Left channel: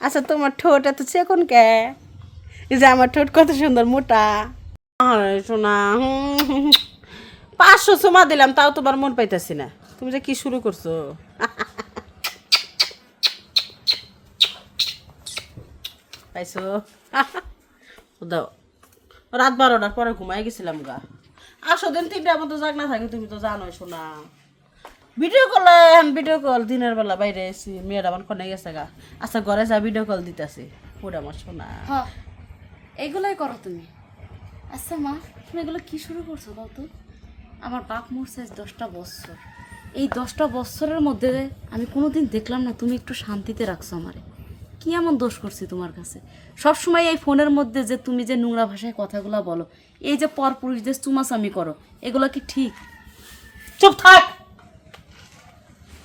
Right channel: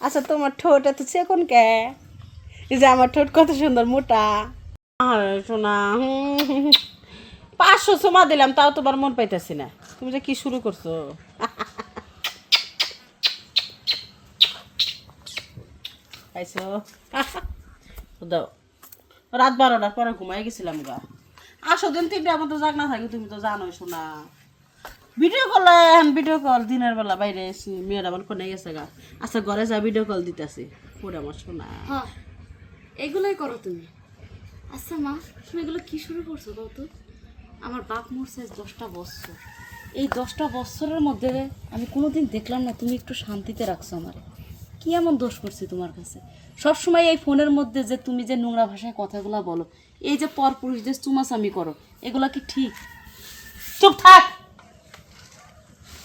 আচ্ছা তোমার ঠোঁট এত চেকন কে? এই যে আমার ঠোঁট কত সুন্দর মোটা। শোনা 500 চুমা দিলাম তাও তোমার মন পাইতেছি না। তুমি যে কি শুরু করছো? পাইছো? দাও। রাত 12টার পরে ঘুমাই গেছিলাম গা। আসো দিন 3টার মতো জাগ না থাকি, তুমি তো জানোই শোনা। ভিডিও কল দিনের বেলা বাইরে এসি মেয়েরা আমার ফোনে গেছে গা। আচ্ছা ঘরে যা ভিডিও কল দিতেছি ওটা আমার শোনা। হ্যাঁ এইগুলোই করো তুমি। আচ্ছা মা, তুমি এগুলো কি শুরু করছো কত? আমার বাপ মরছে 10টা বছর। এই 10টা বছরের মধ্যে আমি কোনোদিন দেখলাম না তুমি একটু শান্তিতে রাখছো আমারে। কি এমন দোষ করছি তোমার কাছে? সব সময় এই ফোনের মধ্যে যে তুমি যে নোংরা ভাষায় কথাগুলো বলো, এই যে পরপুরুষ যে চুমাচামি করো, এগুলো কি ঠিক? চুপ থাক।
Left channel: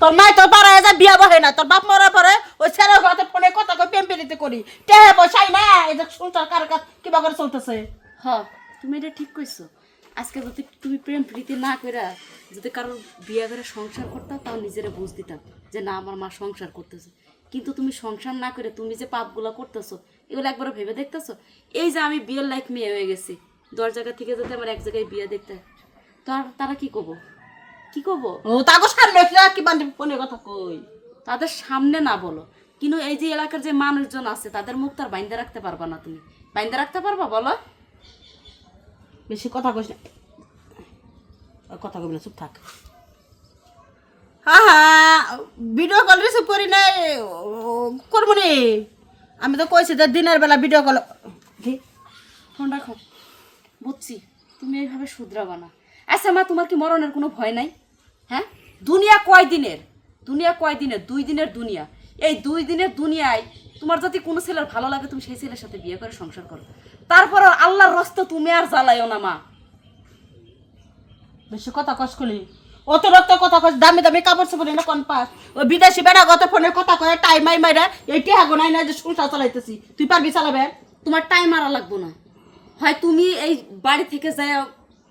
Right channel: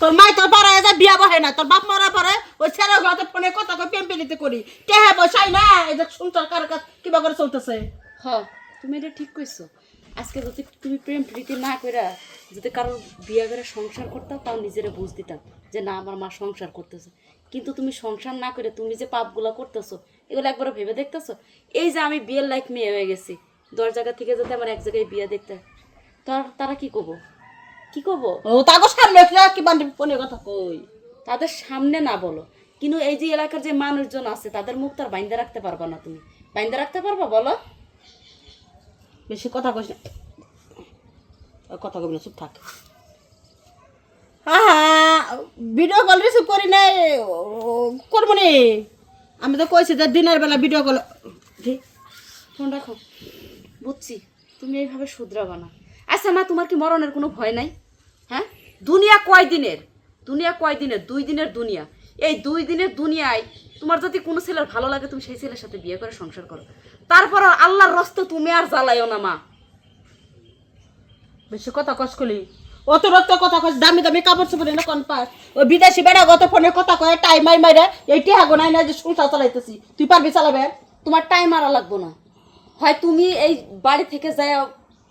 তোর মাই তোর পাড়ায় যা বিয়া বহে না, তোর বাপ মরা পরে ওই ছেলের ঘরে ফোনে কথা কই পেম্পেলিতে করি টেহা বসাই না। এই যে সংসার কার কাজ কিবা করে চলতেছে। হ্যাঁ তুমি এটা ঠিক কইছো। আজকে যদি তুমি প্রেম প্রীতি না কইরা যদি কারো বিয়া করে সংসার করতাম, তাও নিজেরা বুঝ দিতাম যে না আমার মা সংসার করতেছে। কিন্তু তুমি সংসার না করে তুমি যে পাপগুলো করতেছো, এগুলো একবার ভেবে দেখতেছো? এই যে আমি বিয়ের লাইক মেয়ে হয়ে গেছি, 10 জায়গা থেকে যদি আমার এক জায়গায় বিয়া দেখতে, তারা কি করবো? কি করবো? ও তাগো সামনে কি বান্ধবী ফোনে কথা কই? তাদের সামনে না বলো, কিন্তু এই যে এলাকার যে মানুষজন আছে তাদের মুখ তার বাইন্দা রাখতে পারবা না। তুমি বাইন্দা রাখতে পারবা বলো? বেশি কথা কইস না। কথা কবি না, চুপ থাক। হ্যাঁ হ্যাঁ ভিডিও কল রিসিভ করি নাই, করবো নি। আমি তো কইছি যে দিনের বেলা ভিডিও কল। ফোন রাখো। বুঝছি তুমি এইভাবে শুধরাবা না। আচ্ছা মা, তোমার কি মরণের কোনো ভয় নাই? হ্যাঁ, দুনিয়া কয় দিনের? 2 দিনের দুনিয়া। এই 2 দিনের দুনিয়ায় তোমার যদি কোনো ছেলের ভালো লাগে, তুমি সেই ছেলের সাথে বিয়ে করে সংসার করো। তারপর আল্লাহর রস্তে তুমি আর জ্বালাইও না মা। বেশি কথা কস কলি অত রক্ত কথা কস। দামি দামি কাপড় চোপড় না কোন পাস ওই বিদেশি বেড়া গত ফোনে কথা কয়ে টাইম মাইরে এই টেহা গোনাই না যে সংসার চালাইতেছি। তুই পারবি চালাবে? তোমার টাইম মারা লাগবো না। হয় তুমি এই বাড়ি থেকে যাই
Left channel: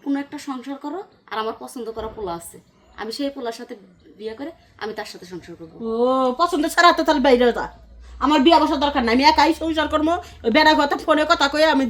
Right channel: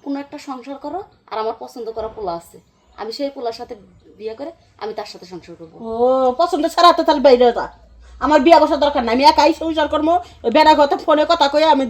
কোনো একটা সংসার করো, আর আমার পছন্দ করা পোলা আছে, আমি সেই পোলার সাথে বিয়ে করে আমি তার সাথে সংসার করবো। ও পছন্দ ছাড়া তো তাহলে বাইরে যা। আমার বিয়া বসার দরকার নাই, আমি একাই সংসার করবো। ওই বেড়া গত ফোনে কথা কয়ে আমি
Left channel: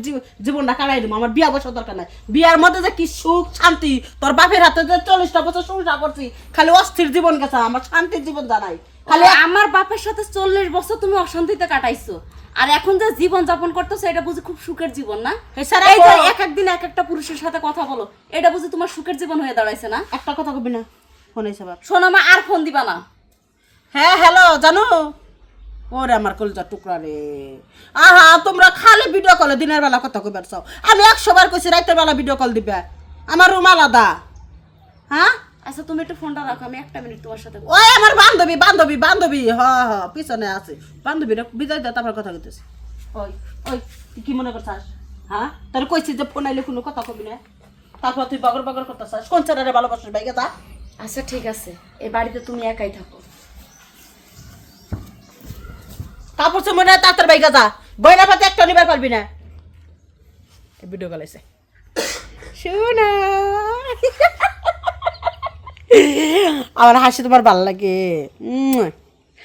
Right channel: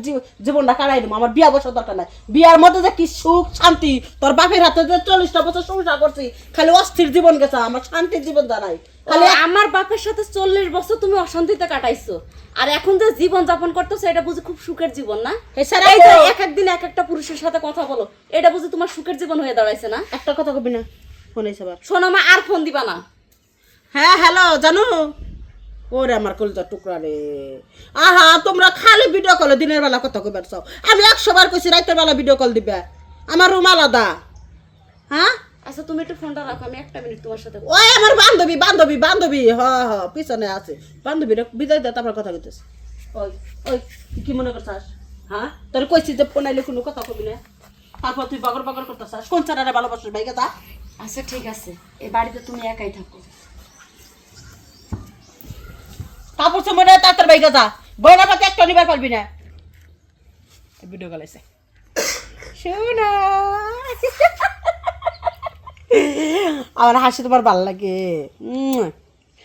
জীবনটা কাটাই দেবো। আমার বিয়া বসার দরকার নাই। বিয়ার মধ্যে যে কি সুখ শান্তি, তোর বাপের হাতে যে 40টা বছর সংসার করছি, খালি অস্থির জীবন গেছে, আমার শান্তির জীবন জানাই। খালি আমার বাপের সাথে 40 বছর তুমি অশান্তিতে কাটাইছো, আর এখন যে জীবন যাপন করতেছো এটা বুঝি খুব সুখের জীবন না? এছাড়া এই যে এক এক দিন এক একটা পুরুষের সাথে কথা বলো, এটা বুঝি তোমার সুখের জীবন হয়ে দাঁড়াইছে না? একটা কথা কবি না ফোনে সবার। শোনো মা, আর ফোন দিবা না। হ্যাঁ হ্যালো জানো, ওরে আমার কলজার টুকরা রে। আহা তোমরা খালি ভিডিও কলে দিনের বেলা কথা কইবার চাও। আমি 100 বার কইছি রাতের বেলা ভিডিও কল দিবে। আমার রুম আলাদা। হ্যাঁ আচ্ছা তুমি একটু ফোনটা রাখো, আমি 1 মিনিট তোমার সাথে। ওই আমার বান্ধবী বান্ধবী বান্ধবী পিছনে আছে। বান্ধবীরা বিদায় দাও, তারপর কথা কইতেছি। ওই ওই তুই কি মনে করছাস? হ্যাঁ তোর কইছি যে ফোন আইলে কোনো কথা কবি না, তারপর তুই বগর বগর করতেছাস। কোন চারারে ভালোবাসিস ভাইকে তা? আচ্ছা ঠিক আছে, এই বাড়িতে তুমি একাই থাকো। কাপড় চোপড় না তার ভাইকে যা, বইনা পাতে একটা নিবার পারবি না। ভিডিও কল আছে শোনা। আমার হাসি তোমার ভালো লাগে।